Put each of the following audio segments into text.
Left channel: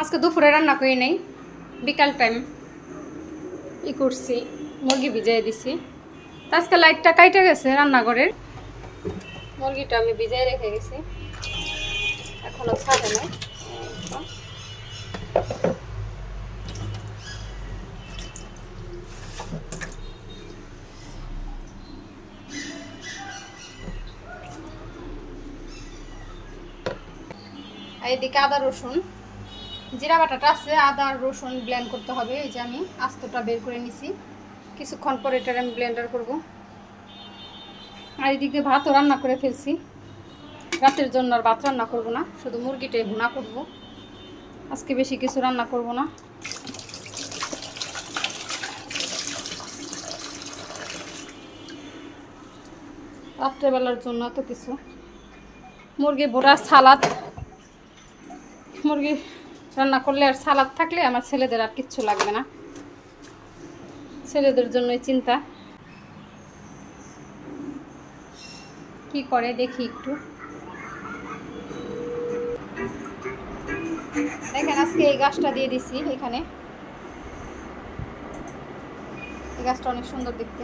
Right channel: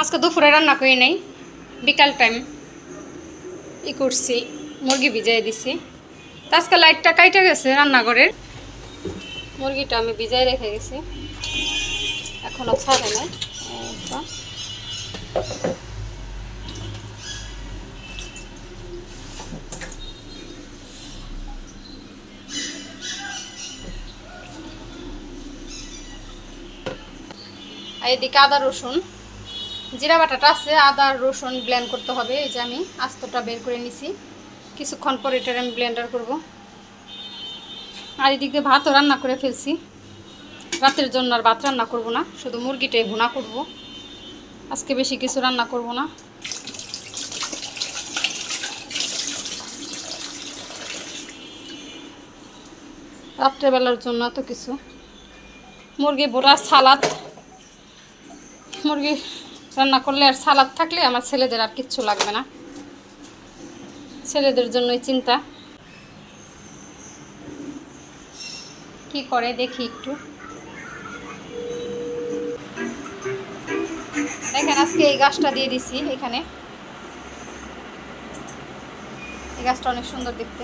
আজকে দুপুরে রান্না করি নাই, বিকাল টাইম করছি, মুরগি ভিজাই দিছি। তো আজকে লাইটটা কাইটে গেছে রান্নাঘরের, মুরগিটা আমি ভিজাই রেখে গেছি, এখনো ছাড়ে নাই। আর এদিকে আদা রসুন জিরা বাটাটা আছে, আদা রসুন ব্লেন্ড করতে হবে। এই যে আমি আস্তটা বের করে নিছি, কিছুক্ষণ পরে এটা আমি ব্লেন্ডার করব। আর এদিকে ভাতও রান্না করে ফেলছি, রাতের জন্য আর ভাত রান্না করব না, শুধু মুরগিটাই ভুনা করব। আজকে বেশি কিছু রান্না করব না। রাত্রেবেলার জন্য তো কিছু মুরগি ভুনা, সালাদ, মুরগি রান্না করলে আর সালাদ থাকলে আমার ছেলেদের আর কিচ্ছু লাগবে না, ছেলেদের জন্যই চিন্তা। কি করে দেখি একটু। দেখেন আজকে এই গাছটা দিয়ে দিছি এখানে, এই গাছটা অনেক সুন্দর দেখতে,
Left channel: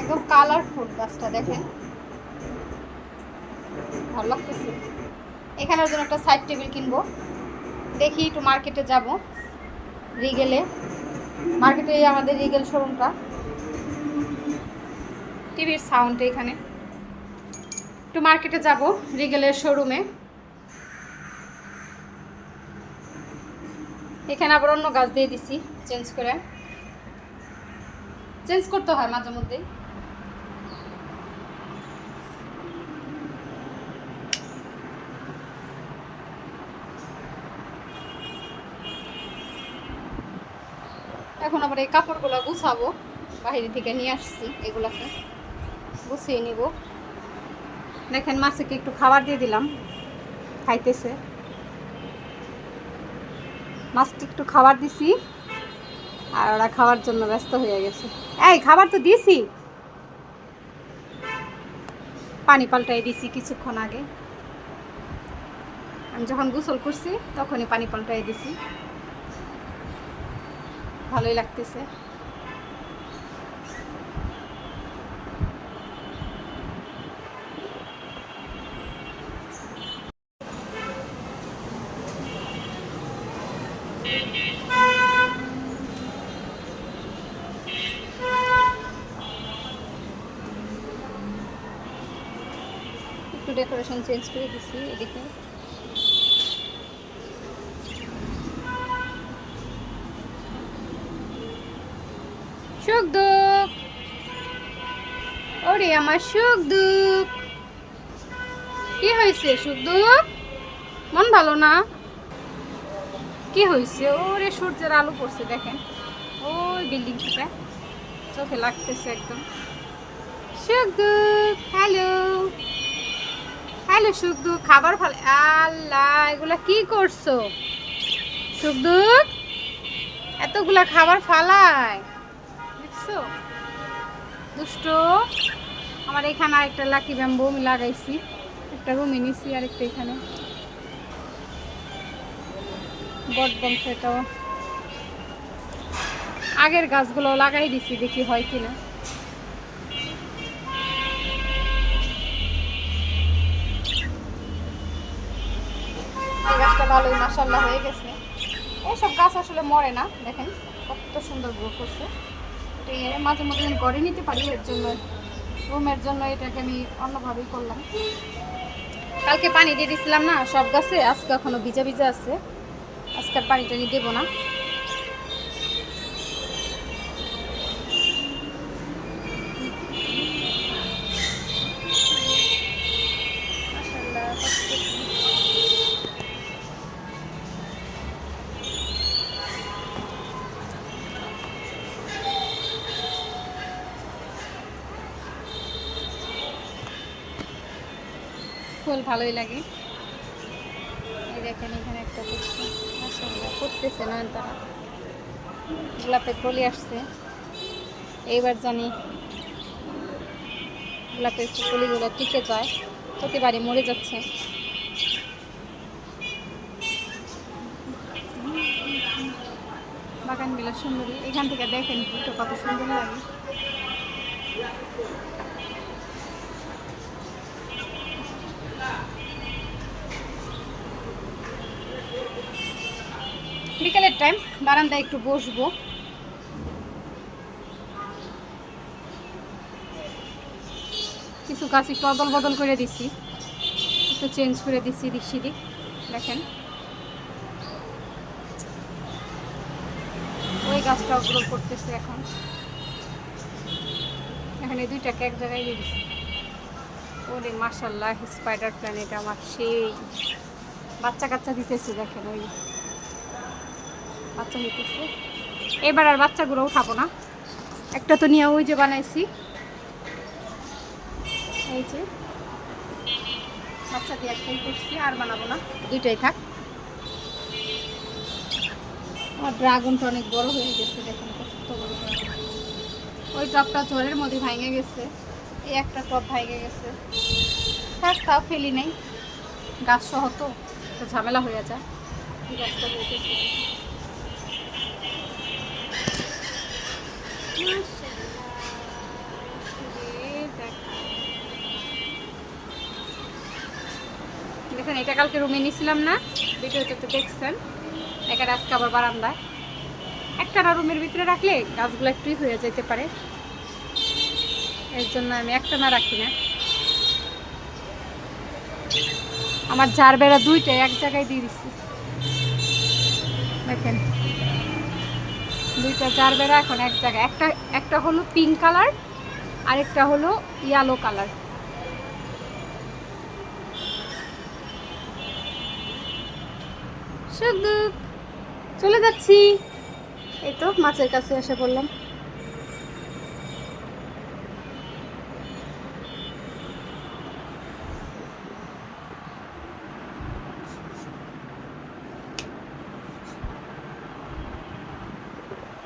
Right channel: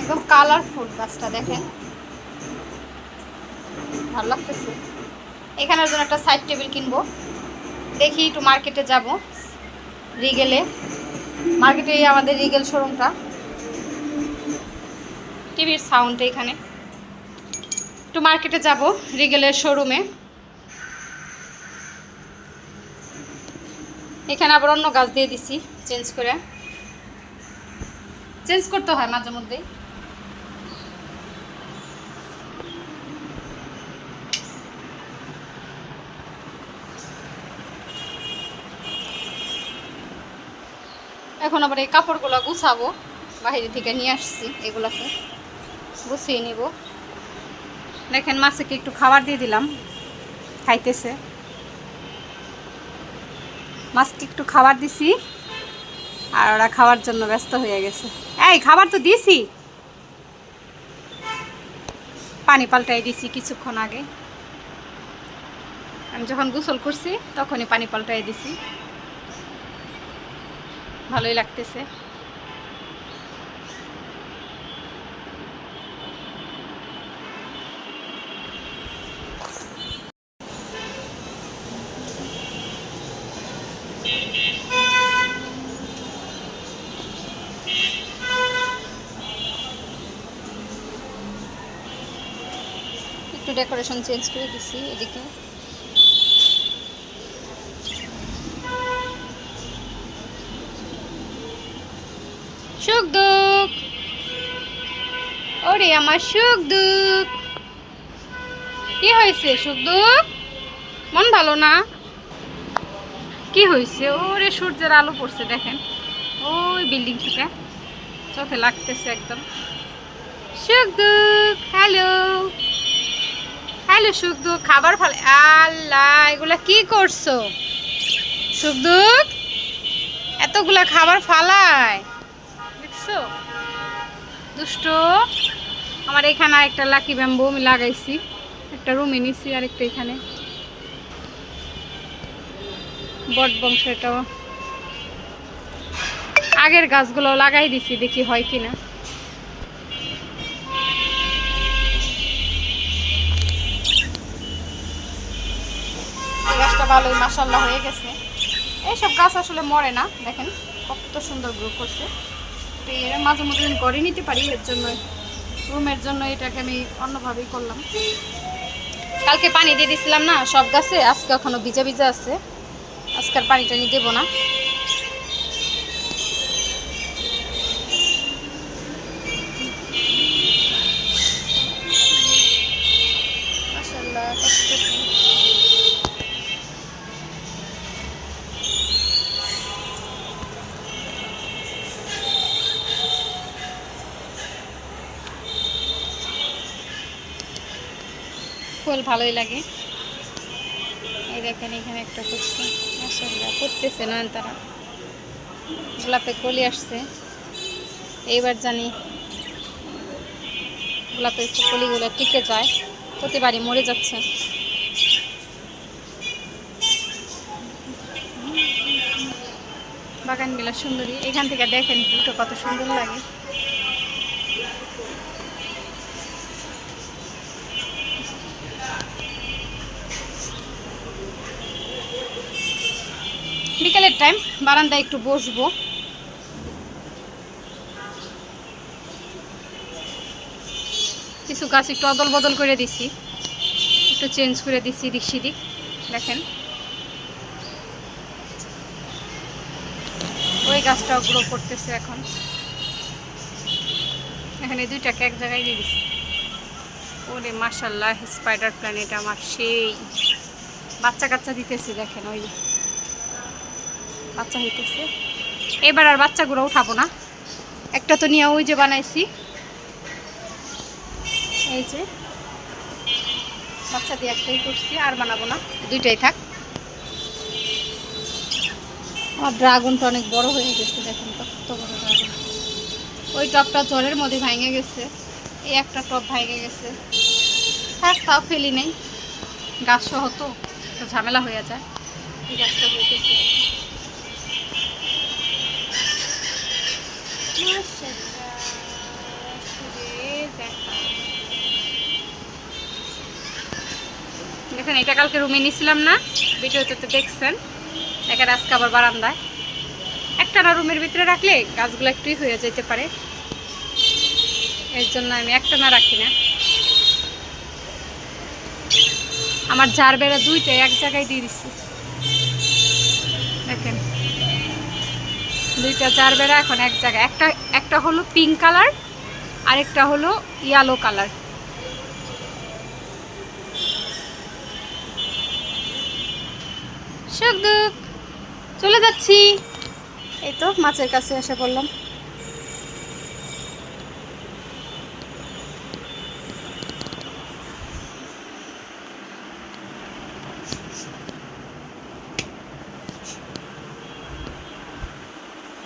একদম কালারফুল গাছটা, দেখেন ভালো লাগতেছে। এখানের জন্য একটা সাইড টেবিল কিনবো, দেখি একটু মার্কেটে যাব, রিগেলে, মার্কেটে আমাদের রিগেল শোরুমটা, টিভির সাউন্ড এখানে, একটু মার্কেটে যাব রিগেলের শোরুমে। এখানে আবার অন্য গাছ দিয়ে দিছি, চেঞ্জ করতে হয় মাঝে মধ্যেই। এখন আবার এই কাপড়গুলো গুছাবো, বাইরে থেকে নিয়ে আসছি, এগুলাকে গুছিয়ে নিব। দেখেন মাছকে একটু খাবার দিয়ে দিলাম, খাইতেছে। মাছকে একটু খাবার দিছি আর ওরা খাওয়ার জন্য ব্যস্ত হয়ে গেছে। এই খাবার তো দিছি, পানি পাল্টাই দিছি কিছুক্ষণ আগে, আমি যখন গোসল করছি তখনই পানি পাল্টাই দিছি, ভালোই লাগতেছে। একটু ডেকোরেশন চেঞ্জ করে দিছি এদিকে। সুখ দুঃখ, ওরে আমার সুখ দুঃখ, কি হয়েছে সুখ দুঃখ? মন ভালো না? কি হয়েছে? ওরে সূর্যের আলো পড়ছে দেখেন, ওই বিল্ডিং থেকে চোখে লাগতেছে একদম। সুখ দুঃখ, হ্যালো হ্যালো সুখ দুঃখ, খাবার ফেলে, আল্লাহ এগুলা কি করছো সুখ দুঃখ? এতগুলা খাবার ফালায় দেখছো, দুষ্ট। আমার এখানে আরেকটা লাকি ব্যাম্বু আমি লাগাইছি, একটা রুমে নিছি, আরেকটা এখানে বট বংশ, এটাও আগের গাছগুলো লাগাই দিছি, দেখি হয় কিনা। এই গাছটা ভালোই মাশাআল্লাহ হয়ে গেছে। এইসব গাছ আসলে মরে না, দেখেন কত সুন্দর গ্রো করছে। তো এর মাঝে মধ্যে আমি করে নিতে পারি, এর জন্য রুমের জন্য এটাকে আমি অন্যভাবেই করলাম। কালকে পানি দিয়ে দিছিলাম না সব গাছে, আজকে এখনো ভিজা ভিজা আছে, আজকের পানিটা নিয়ে দেবো না। ফুল ভালোই লাগে। এই দেখেন এখানে একটা করছে, মাশাআল্লাহ করতেছে নয়নতারা, গোলাপে কলি আসছে। এইবার জানি গোলাপের কলিগুলো টিকে যায়, প্রতিবারই মরে যাচ্ছে। বাগান বিলাস সুন্দরী, এখান থেকে দেখেন ভিউটা কত সুন্দর লাগে। বিকেলের টাইম বারান্দায় একটু বসবো। কিছু গাছ একটু অদল বদল করে দিছি, একটু চেঞ্জ করে দিছি দিক সেদিক। দেখেন ওই গাছটাও গ্রো করতেছে এখন। এখানে দুইটাকে এক জায়গায় দিয়ে দিছি। ওরে মাশাআল্লাহ, স্পাইডার প্ল্যানেট আমার সেই বাচ্চা কাচ্চা দিতেছে। দেখেন ওই বাচ্চা হইতেছে। এবার আর বাচ্চাগুলো উঠাবো না, একটা তো নিয়ে ওই যে বানাইছি, এই যে বাচ্চা দিয়ে একটাই করছি, আর বানাবো না, দুইটাই থাক। আমার ড্রাগনটা অনেক বড় হয়ে গেছে, দেখেন কত বড় ড্রাগন। ওই টবটা ঝড়ের মধ্যে ভেঙে গেছে, এই একটা টব ভেঙে গেছে। থাক, তাও ফেলি নেই, গাছ সহ তো ঝামেলা হয়ে যায়। এই গাছটা হইতেছে দেখেন। এটা কালকে রুমে নিয়েছিলাম না, ভিডিওতে তো দেখছেন। এখানে আজকে আবার বারান্দায়। একটা না রুমের ভিতরে রাখলে গাছগুলো একটুই হয়ে যেতে পারে, এর জন্য আমি একটা না রাখি না। আমার ঝাড় বেড়া দুইটাই এক জায়গায় দিয়ে দিচ্ছি, দেখেন দুইটা ঝাড় বেড়া এখন এক জায়গায়। একটা হলো পিঙ্ক কালার, আরেকটা হলো ইয়েলো কালার। শুধু চলে যাচ্ছি, এই তো মাছের কাছে এসে পড়লাম।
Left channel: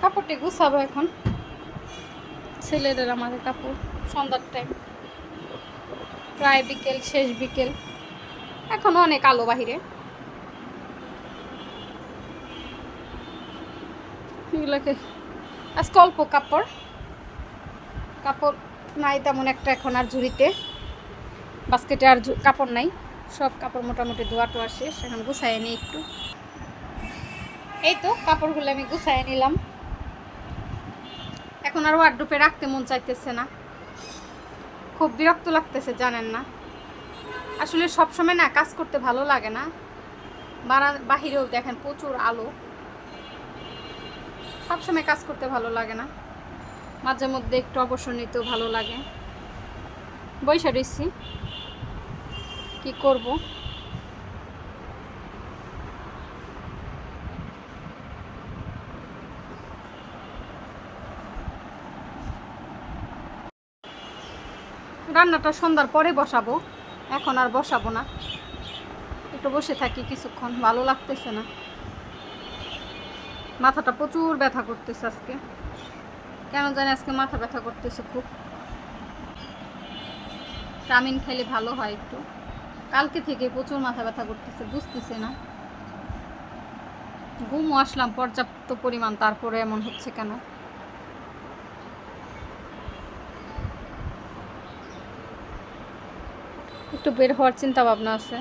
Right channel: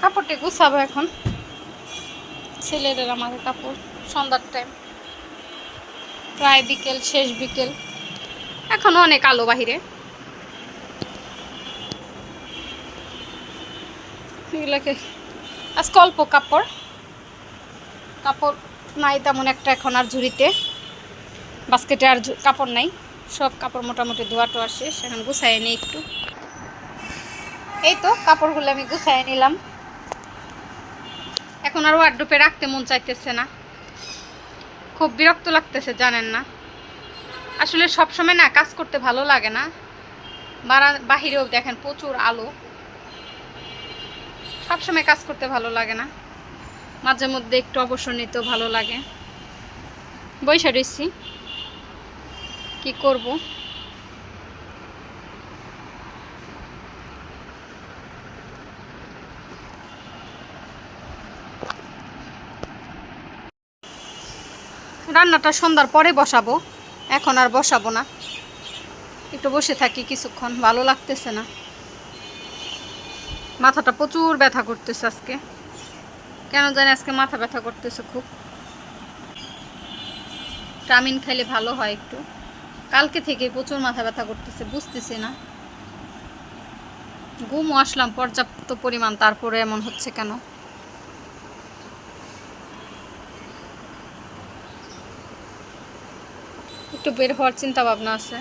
কাপড়টি গুছাবো এখন, ছেলেদের আমাদের কাপড়। সন্ধ্যার টাইম, প্রায় বিকেল, শেষ বিকেল, এখনো অনেক আলো বাহিরে। এগুলোকে আজকে অল্প কাপড় নাই তেমন একটা এখন আর ঝুড়িতে, বাস্কেটে আর কাপড় নাই, সব কাপড় মোটামুটি ধোয়া টোয়া শেষ। এখন গুছাই নিই একটু। এই তো কাপড়গুলো আমি গুছাই নিলাম। এখন আর ওয়ার্ডরোবে রাখতে মন চাইতেছে না, খুব বিরক্ত লাগতেছে জানেন না। আসলে সবসময় না কাজ করতে ভালো লাগে না, বাহিরেও দেখেন প্রচুর আলো, সবসময় কাজ করতে ভালো লাগে না, মাঝে মধ্যে একটু অবসর নিতেও ভালো লাগে। বইসা রইছি, কি করব। রান্নাটা সন্ধ্যার পরে বসাবো, এখন আর বসাবো না, একটু বসে থাকি কিছুক্ষণ, ভালো লাগতেছে না। মাথাটা প্রচুর ব্যথা করতেছে আজকে, কেন জানি আজকে মাথা ব্যথা করতেছে খুব। ভিটামিন খাইলে ভালো হয় একটু, কালকে থেকে প্রচুর মাথা ব্যথা করতেছে, বুঝতেছি না। ঘুমও আসলাম পর্যাপ্ত পরিমাণ, তারপরে এমন হচ্ছে কেন। একটু বের হওয়ার চিন্তা ভাবনা আছে।